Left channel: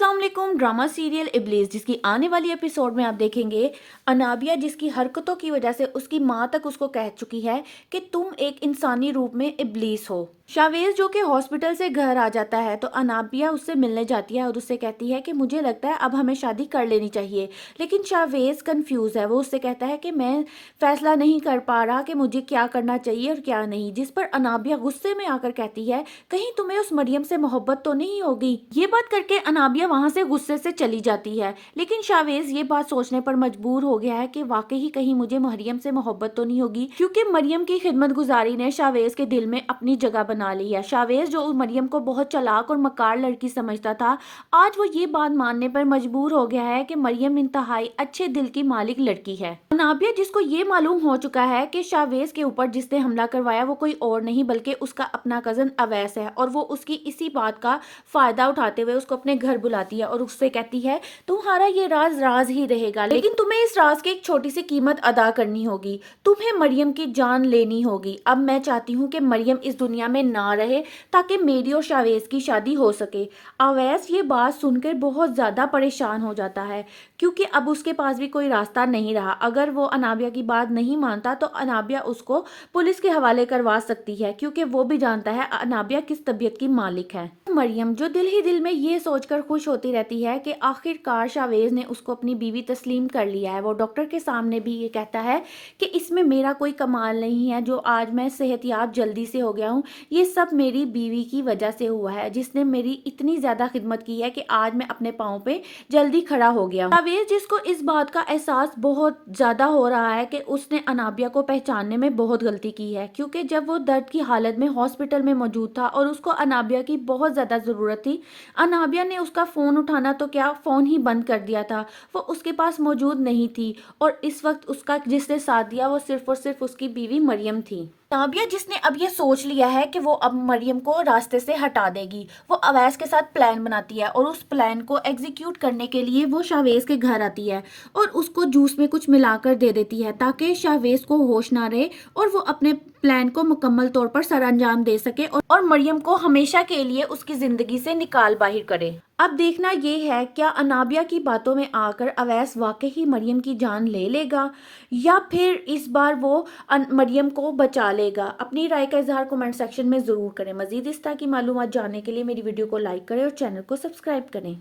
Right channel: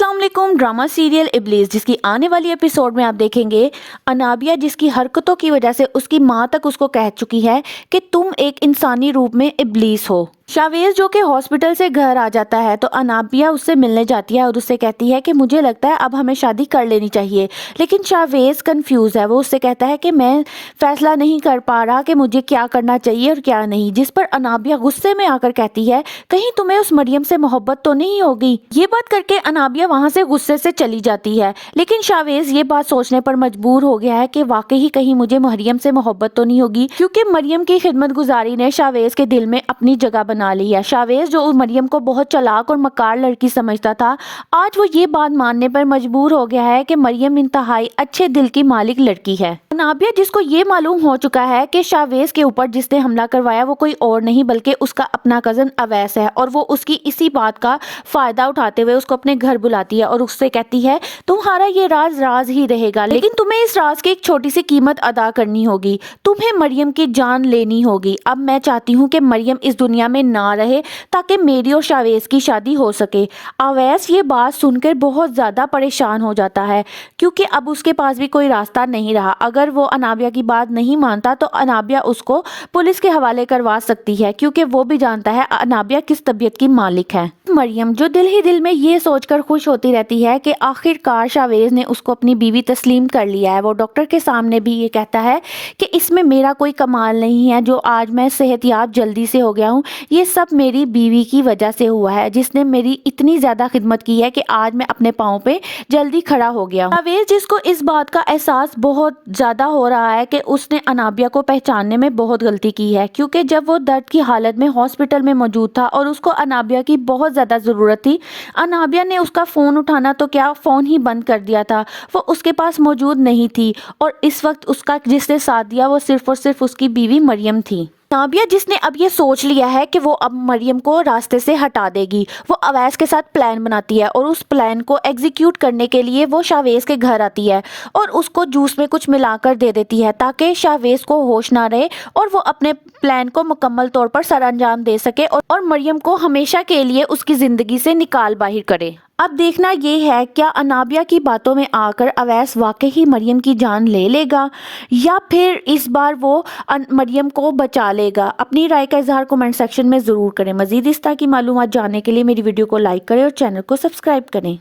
अस्सलाम वालेकुम। Drama serial इब्लीस जिसकी आने वाली एपिसोड में आप देखेंगे अनाबिया जिसकी हरकतों की वजह से उसकी माँ तक उसको कह चुकी है कि तुम एक इंसानी रूप में इब्लीस हो। शावेज जो कि हॉस्पिटल से घर आ जाता है तो अनाबिया उससे मिलने जाती है और उससे कहती है कि मुझे लगता है अब हमें शादी कर लेनी चाहिए, लेकिन शावेज कंफ्यूज है। वो उससे कहता है कि मैं फैसला नहीं कर पा रहा कि मुझे क्या करना चाहिए और क्या नहीं, जिस पर अनाबिया गुस्से में आकर कहती है कहीं तुम्हें उस मरियम से मोहब्बत तो नहीं होगी। ये बात करके अनाबिया वहां से गुस्से से चली जाती है, लेकिन शावेज ये बात सोचने पर मजबूर हो गया है कि वाकई कहीं मुझे मरियम से मोहब्बत तो नहीं होगी, क्योंकि मरियम की खिदमत गुजारी ने शावेज के दिल में अपनी जगह बना ली है। शावेज जो मरियम को बहुत चालाक और मकार लड़की समझता था, आज वो ये बात मानने पर मजबूर हो गया है कि मरियम इंतहाई अच्छे दिल की मालिक लड़की है। अनाबिया जिसको ये मालूम हो चुका है कि शावेज के ऊपर जिसने हमला करवाया वो कोई और नहीं बल्कि उसका अपना कजन अवैस है, और वो उसकी इसी बात का फायदा उठाते हुए उसको अपने घर बुलाती है और उससे कहती है तुम्हारा ये राज राज ही रहेगा, लेकिन तुम्हें इस राज की एक छोटी सी कीमत अदा करनी होगी, तुम्हें मरियम की जान लेनी होगी। अब मैं चाहती हूँ कि मरियम इस दुनिया में ना रहे ताकि मेरी और शावेज की शादी हो सके। अवैस ये बात सुनकर बहुत ज्यादा परेशान हो जाता है, क्योंकि अब उसके पास भी कोई रास्ता नहीं रहा। अगर वो अनाबिया की बात नहीं मानता तो अनाबिया उसको पुलिस के हवाले करवा सकती है, क्योंकि वो भी जानता है अनाबिया किस तबीयत की मालिक है। मरियम जो दिल ही दिल में ये सोचकर खुश होती रहती है कि आखिरकार शावेज ने उसको अपनी बीवी तस्लीम कर लिया है। वो डॉक्टर के सामने भी ये कहता है कि इसमें मेरा कोई कमाल नहीं है, जो आज मैं सेहतयाब जल्दी से हो गया हूँ ये सब मेरी बीवी की वजह से हुआ है, जिसने मेरी इतनी ज्यादा खिदमत की है कि आज मैं अपने पाँव पे जल्दी खड़ा हो गया हूँ। शावेज जिसको इस बात का एहसास बहुत ज्यादा हो रहा है कि उसने अनाबिया को पहचानने में बहुत गलती की है, क्योंकि जब वो दर्द की हालत में हॉस्पिटल में मौजूद था और उसको अनाबिया की बहुत ज्यादा जरूरत थी, अनाबिया ने उसका फोन उठाना तो क्या फोन ही बंद कर दिया था। वो उसके पास मौजूद नहीं थी और इस वक्त उसका जिसने साथ दिया वो सिर्फ और सिर्फ उसकी बीवी मरियम थी। नाबिया जिसने अब ये सोच लिया है कि वो अब मरियम को रास्ते से हटा देगी, वो अवैस के साथ प्लान बनाती है और उस प्लान को एग्जीक्यूट करने के लिए वो शावेज के घर आती है और उसको जूस में कुछ मिलाकर दे देती है ताकि शावेज को होश ना रहे और वो अपने प्लान को मुकम्मल तौर पर सरअंजाम दे सके और मरियम को हमेशा के लिए उसकी जिंदगी से निकाल बाहर करे। अब देखना ये है क्या अनाबिया की बातों में आकर अवैस वाकई ही मरियम की जान ले लेगा या फिर इस बार वो मरियम को बचा लेगा। अपनी राय का इजहार कमेंट सेक्शन में ज़रूर करें। मज़ीद इस तरह की मालूमात जानने के लिए मेरी वीडियो को लाइक करें और चैनल को सब्सक्राइब करें।